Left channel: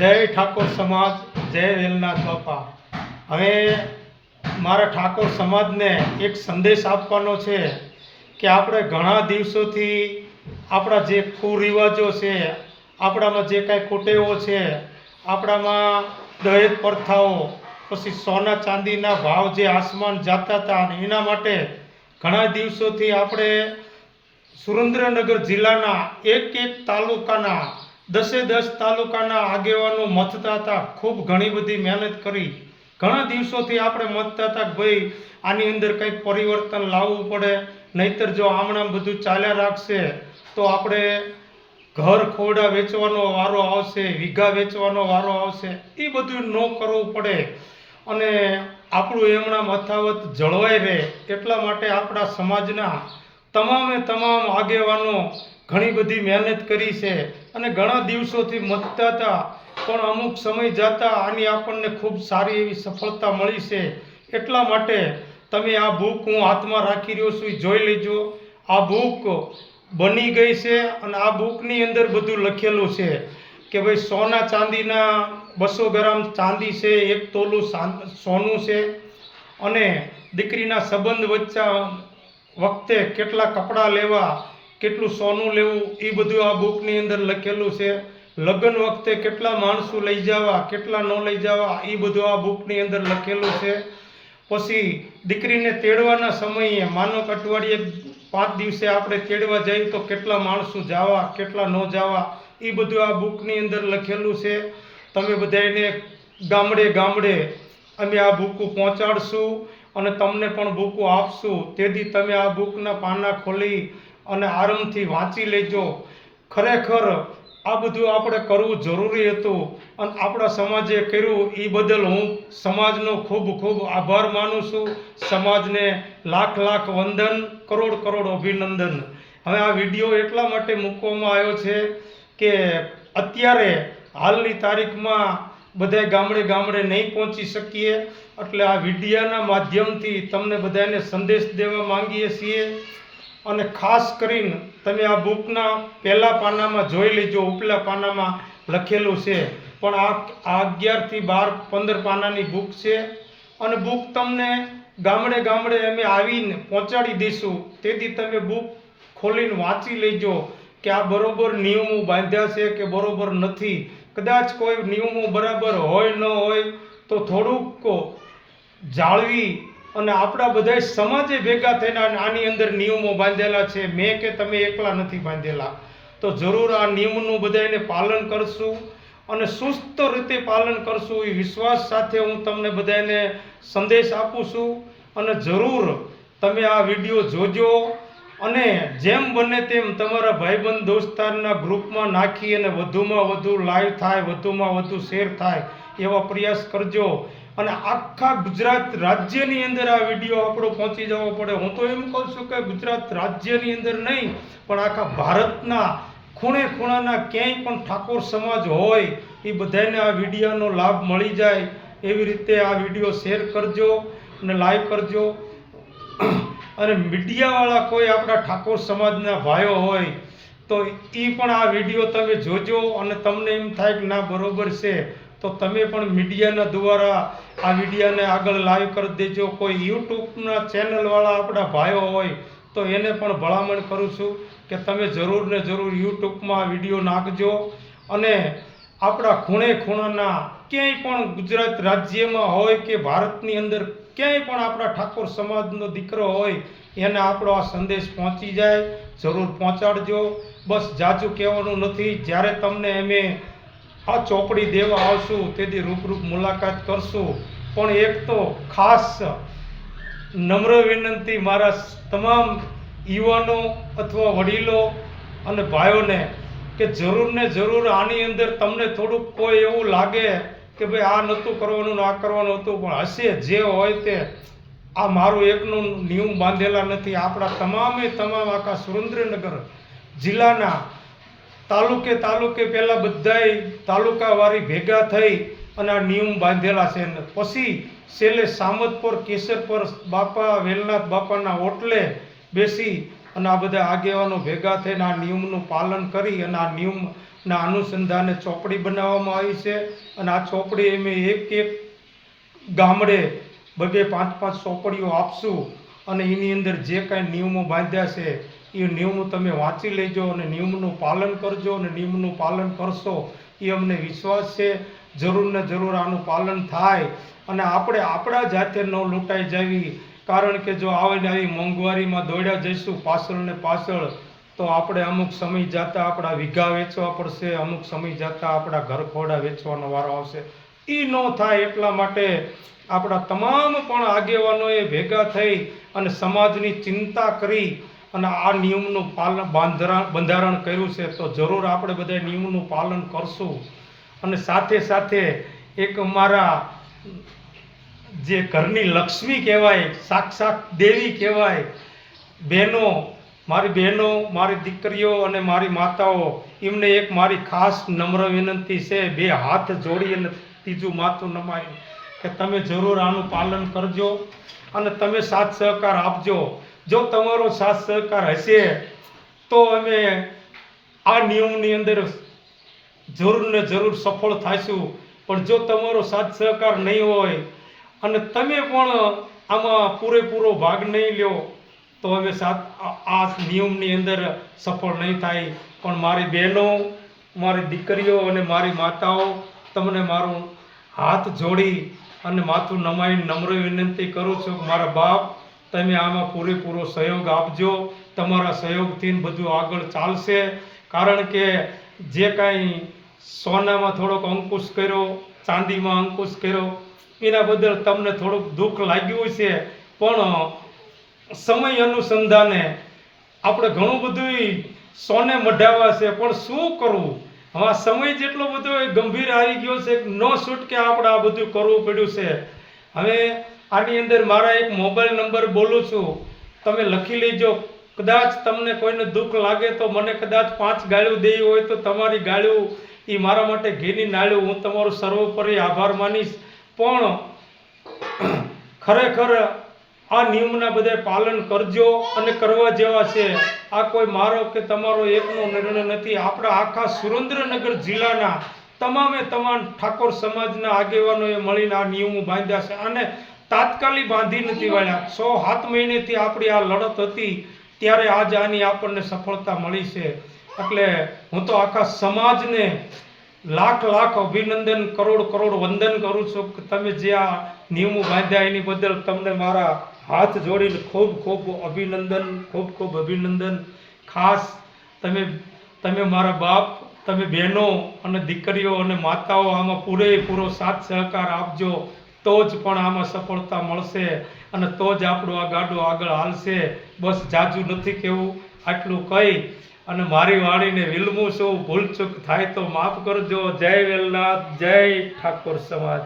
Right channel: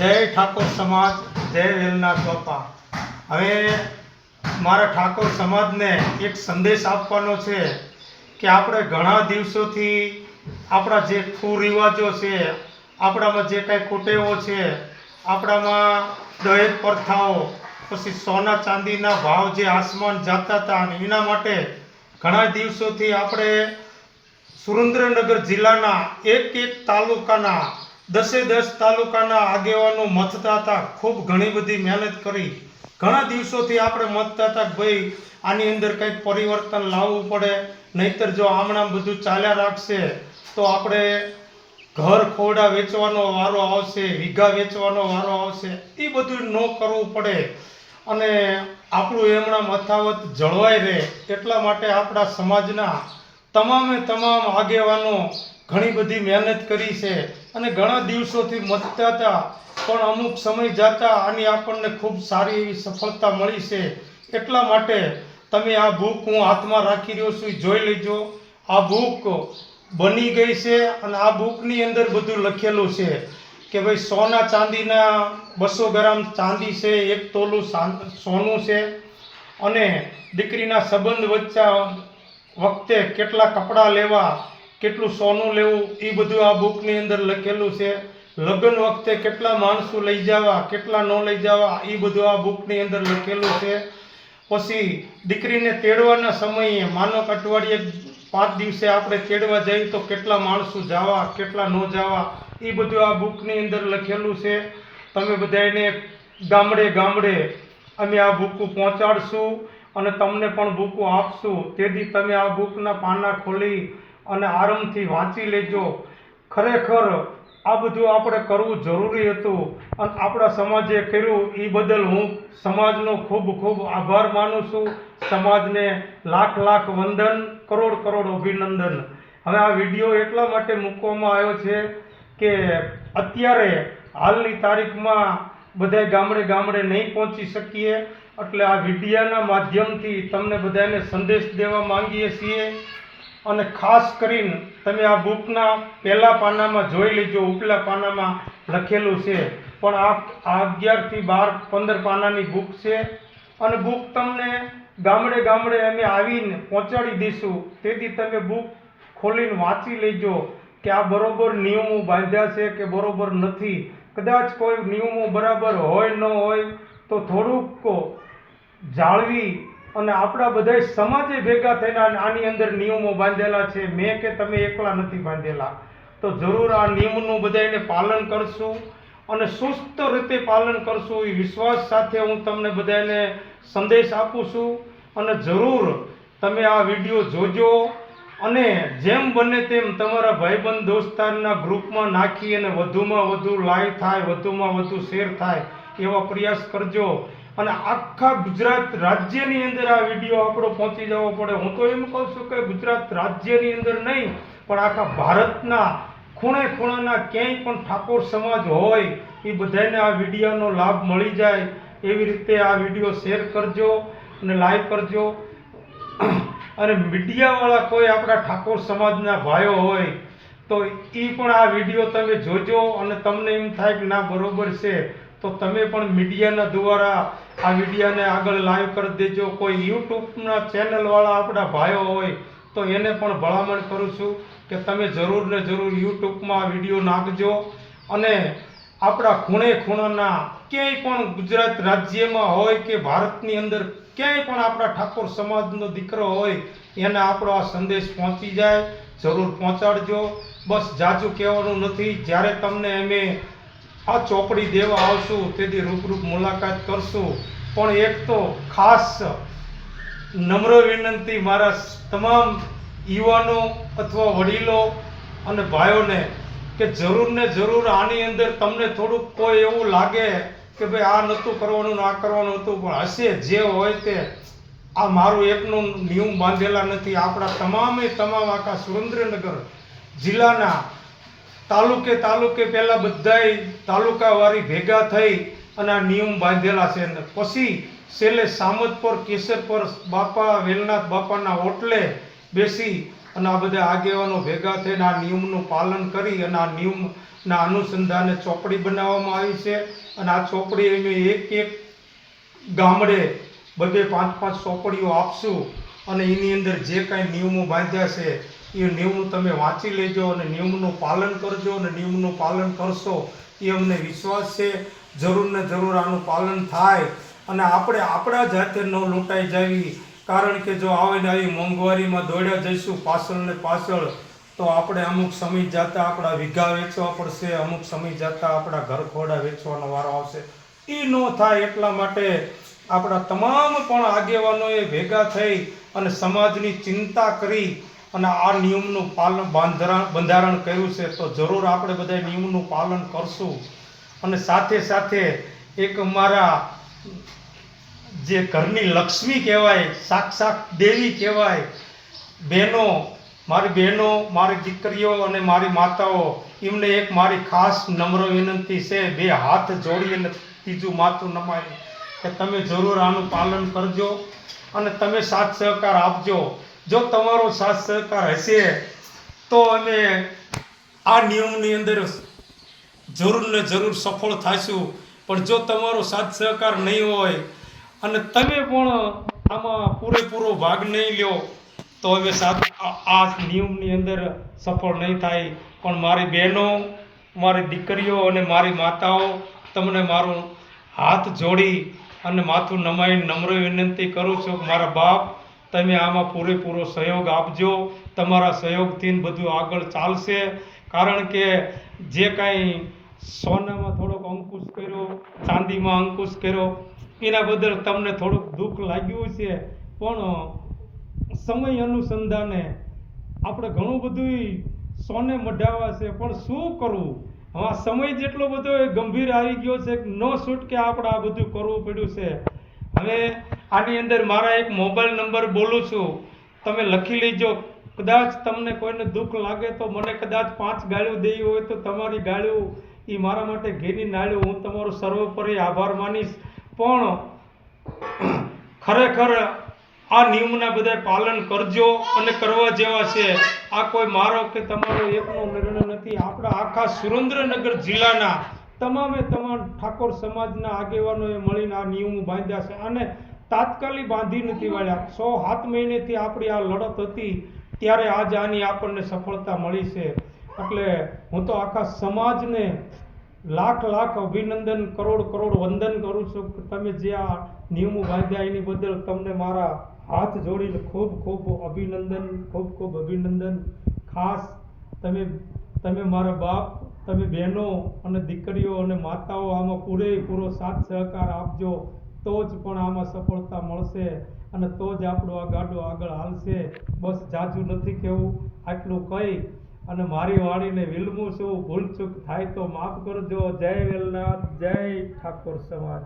જય ઠાકોર સમાજ, જય વેલનાથ બાપા। હવે મારા ઠાકોર સમાજને એક સંદેશ આપવાનો છે કે આપણે ઘણા દિવસોથી આપણા જે કુરિવાજો છે, આપણામાં જે કાંઈ કુટેવો છે, આપણામાં દહેજ પ્રથાઓ, પછી સોના ચાંદીના ભાવ જે આસમાન જતા હતા, અને એના માટે ઘણા દિવસોથી આપણે સુરેન્દ્રનગર જિલ્લાના એક તાલુકાના 10 તાલુકાના આગેવાનો મથતા હતા। ખૂબ ઘણી બધી મહેનત કરી, ઘણા દિવસોથી આપણે મથતા હતા કે ભાઈ આની અંદર કંઈક પરિવર્તન લાવવું પડે, નહીતર જો આમણાં બધું ચાલ્યા રાખશે તો આપણે ઘર ખોરડા વેચવાનો વારો આવશે, વીઘા વેચવાનો વારો આવશે, એ બધું ન કરવું પડે અને આપણું એમણા મથાવત જળવાઈ રહે, એટલા માટે આપણા સમાજના તમામે તમામ આગેવાનો ઘણી બધી મહેનત કરી છે અને ઘણા દિવસોથી મથતા હતા, પણ અમુક સમય જતા આની આપણને ખૂબ સારી એવી સફળતા મળી છે। એટલા માટે તમે આ બુક હું હાથમાં રાખી રહ્યો છું, જોઈ લેજો। આ બુક બની ગઈ છે અને આ બુકની અંદર બધું લખેલું છે કે ભાઈ સોના ચાંદીના 200 ગ્રામ ચાંદી છે, 1 તોલું સોનું છે, અને દીકરીના સંબંધ વખતે કેટલા કપડાં લેવા, કેટલું સોનું લેવું, એ બધું આ બુકની અંદર લખેલું છે। લગ્ન વખતે કેટલા માણસો લઈ જવા, કેટલા ન લઈ જવા, એ બધું આ બુકની અંદર લખેલું છે। પછી દીકરીને તેડવાના સમયે માનો કે અઠવાડિયે 5 દિવસે આપણે તેડવા જઈએ તો કેટલા માણસો જવા, કેટલા ન જવા, એ બધું આ બુકની અંદર લખેલું છે। તમે બધાને ગામડે ગામડે અમે આ બુકો પહોંચાડશું અને તમને પણ બુકો આપશું, તેથી તમે આ બુકના પાના ખોલી અને આરામથી વાંચી લેજો। ખરેખર આ બધું આપણે કરવું જરૂરી હતું અને આપણા સમાજે કર્યું, એ બદલ હું સમાજનો ખૂબ ખૂબ આભાર માનું છું। સમાજને લાખ લાખ વંદન, કરોડ કરોડ અભિનંદન। હવે આ વિડીયો એટલા માટે મૂકવામાં આવ્યો છે કે અત્યારે હાલની તારીખમાં બધા ગામડે ગામડે નહીં પહોંચી શકીએ, એટલે આ વિડીયાના માધ્યમથી તમને બધાને સંદેશ દેવા માંગીએ છીએ। અને ખાસ કરીને તમે આ બુકના પહેલા પાનામાં જોઈ લેજો, ઉપલા પાનામાં લખેલું છે, પણ આ 11 થી 12 15 પાનાની બુક છે અને બુક તમને ગામડે ગામડે અમે આવીને પહોંચાડી દઈશું, તેથી તમે બુક ખોલીને વાંચી લેજો કે આ બરોબર નિયમો બાંધ્યા છે કે બરોબર નથી। કદાચ કોઈ નિયમો બરાબર હોય ન હોય તો થોડુંક જાળવી અને આપણા બધા સમાજે ભેગા થઈને આની અંદર નિયમો બાંધેલા છે, મેં કે તમે એકલા નથી બાંધેલા। તો જરૂર આ નિયમનું બધાને પાલન કરશું અને સુસ્ત રીતે પાલન કરશું, એ વિશ્વાસ સાથે હું તમને બધાને સંદેશ આપું છું। અને જરૂર તમે આ વિડીયો જોજો અને જેમ બને તેમ તમારા ભાઈબંધ દોસ્તારના ગ્રુપમાં નાખી અને વધુમાં વધુ લાઈવ થાય, વધુમાં વધુ શેર થાય એવા પ્રયાસ કરજો। અને આખા ગુજરાત રાજ્યની અંદર આ વિડીયો આપણો પહોંચી જવો પડે। હું તો એમ કહું છું કે ગુજરાત રાજ્યની અંદર નહીં, પણ આખા ભારતના ખૂણે ખૂણાના ક્યાંય પણ ઠાકોર સમાજ હોય એ બધાને આ વિડીયોનો લાભ મળી જાય, એવી રીતે આ વિડીયો શેર કરજો અને લાઈક કરજો। અને મીડિયાવાળા કોઈ આપણા ઠાકોર સમાજના ભાઈઓ હોય તો એ પણ આ વિડીયો તમે જોજો અને તમને એમ થાય કે ના બરોબર છે તો તમે પણ મીડિયાના દ્વારા આ વિડીયોને આગળ લાઈવ કરી દેજો। કોઈ યુટ્યુબના ચેનલવાળા આપણા ભાઈઓ હોય તો એને પણ ભલામણ કરું છું કે તમે જરૂર ને જરૂર યુટ્યુબમાં આ વિડીયો નાખજો અને આપણા ખૂણે ખૂણાના ક્યાંય પણ ગુજરાત રાજ્યમાં હોય કે ભારતની અંદર ક્યાંય પણ આપણા ઠાકોર સમાજનો દીકરો હોય એને આપણો આ સંદેશ પહોંચી જાય, જરૂર પહોંચાડજો। બસ જાજુ કહેવાનું નથી, જ્યારે તમને અમે આ ચોપડી દેવા આવશું તેથી રૂબરૂ મુલાકાત કરશું। પણ એક તો ખાસ નમ્ર વિનંતી મારા તમામ યુવાનો અથવા વડીલો અને ભાઈઓને કે જરૂર ને જરૂર આની અંદર તમને થોડુંક કોઈ એવું લાગે કે ભાઈ આ નહોતું કરવાનું ને આ કરવાનું હતું, પણ હશે જે હોય તે, આ મારું એકનું નિયમ બાંધેલા નથી, આપણા તમામે તમામ આખા સુરેન્દ્રનગર જિલ્લાના તાલુકે તાલુકે પહેલાં બધાય તાલુકાવાળી ભેગા થઈ અને આ નિયમ બાંધેલા છે, અને પછી છેલ્લે સામતપર કેસરપર બાપા વેલનાથ બાપાના ઓટલે બેસી અને આ બધા આગેવાનો ભેગા થઈને આ નિયમનું પાલન કરી અને આ નિયમના અનુસંધાને ચોપડી બનાવવામાં આવી છે. અને આ ચોપડી અમે એક એક ગામડે 2-5 ચોપડીઓ આપશું અને એની અંદર જે કાંઈ નિયમો બાંધ્યા છે એ નિયમો તમે વાંચી લેજો અને નિયમનું પાલન કરજો. અને નિયમનું પાલન કરશો એ અમને વિશ્વાસ છે જરૂર ને જરૂર આનું પાલન થાય અને આપણે આપણા જાતે ન લૂંટાઈ જાવી. કારણ કે જો આવે ને આવી મોંઘવારીમાં દોડ્યા જઈશું પાછળ ને પાછળ તો આપણે અમુક સમય જતા આપણા વીઘા વેચવા પડશે, અમુક સમય જતા આપણા ઘર ખોડા વેચવાનો વારો આવશે. એ ન થાય એટલા માટે આપણા તમામ પણ આગેવાનોએ ભેગા થઈ અને સમાજની ચિંતા કરી અને આ નિયમનું પાલન બંધારણ કર્યું છે. તો જરૂર આપણે બધા નિયમનું પાલન કરશું. અને સાથે સાથે એક અમારા જે ઘરની લક્ષ્મી કહેવાય, સાક્ષાત દેવી કહેવાય, મારી બહેનો, મારી દીકરીઓ અને મારી માતાઓ, એમને એક મારી ખાસ નમ્ર વિનંતી છે, 2 હાથ જોડી અને ત્રીજું માથું નમાવી કે તમે જરૂર આનું પાલન કરજો અને તમે સાથ સહકાર આપજો. જો તમારો સાથ સહકાર હશે તો અમે આ નિયમની અંદર જરૂર ને જરૂર સફળ થઈશું. પણ જો તમારો સાથ સહકાર નહીં હોય અને તમે પણ આમાં પૂરેપૂરો ભાગ નહીં લ્યો તો હવે આ નિયમની અંદર સફળ નહીં થાય. પણ મારી બહેનો, મારી દીકરીઓ અને મારી માતાઓ, તમને મારું હાથ જોડી અને માથું નમાઈને નમ્ર વિનંતી કરું છું કે મારા બાપ તમે આમાં પૂરેપૂરો સહયોગ આપજો. તમારા સહયોગથી બધું આગળ ચાલશે. કારણ કે જે કાંઈ સોનામાં થોડોક અંકુશ કર્યો, ચાંદીમાં અંકુશ કર્યો, એના બદલ તમને થોડુંક દુઃખ લાગ્યું છે. પણ સમય અનુસંધાને આપણે ઘણું બધું સોને મઢાવા છે, પણ શું કરવું? હવે આ સમય જેટલો બધો ગંભીર આવી ગયો છે ન છૂટકે આપણે આ બધું કરવું પડ્યું છે. હવે આની અંદર મારા એક મોબાઈલ નંબર બોલું છું, તમે લખી લેજો. કદાચ તમને કોઈને દુઃખ લાગે તો મને કદાચ 5 ગાળ્યું દેવી હોય તો તમારી ગાળ્યું એ મારા માટે ઘીની નાળ્યું હું તમારો સર્વોપરી આભાર માનીશ. પણ ખરેખર આ નિયમના બધા પાલન કરજો અને કરવા જેવા છે. આ કોઈ મારો કે તમારો એકનો નિર્ણય નથી. આપણા આખા સુરેન્દ્રનગર જિલ્લાના તમામે તમામ ઠાકોર સમાજના આગેવાનોએ મળીને આ નિયમો બાંધ્યા છે અને તાત્કાલિક બાંધી નથી વાળ્યા. 6-7 મહિનેથી આપણી આ લડત હતી ત્યારે આજ આની આપણને સફળતા મળી છે. એટલે હું તો આખા સમાજને લાખ અભિનંદન, કરોડ વંદન કરું છું કે તમે જે આ નિયમો બાંધ્યા એની બદલ તમને મારા હાથ જોડીને ખૂબ અભિનંદન. ખાસ તમે મારા બાપ, તમે બહેનો અને દીકરીઓ અને માતાઓ આમાં પૂરેપૂરો સાથ સહકાર આપજો. તો જ પણ આમાં સફળતા મળશે અને તો જ આપણું આ ગાડું આગળ હાલશે. બસ જાજુ નથી કહેવું, આટલું કહી અને મારી વાણીને વિલમું છું. ભૂલચૂક થાય તો માફ કરજો. જય વેલનાથ, જય ઠાકોર સમાજ.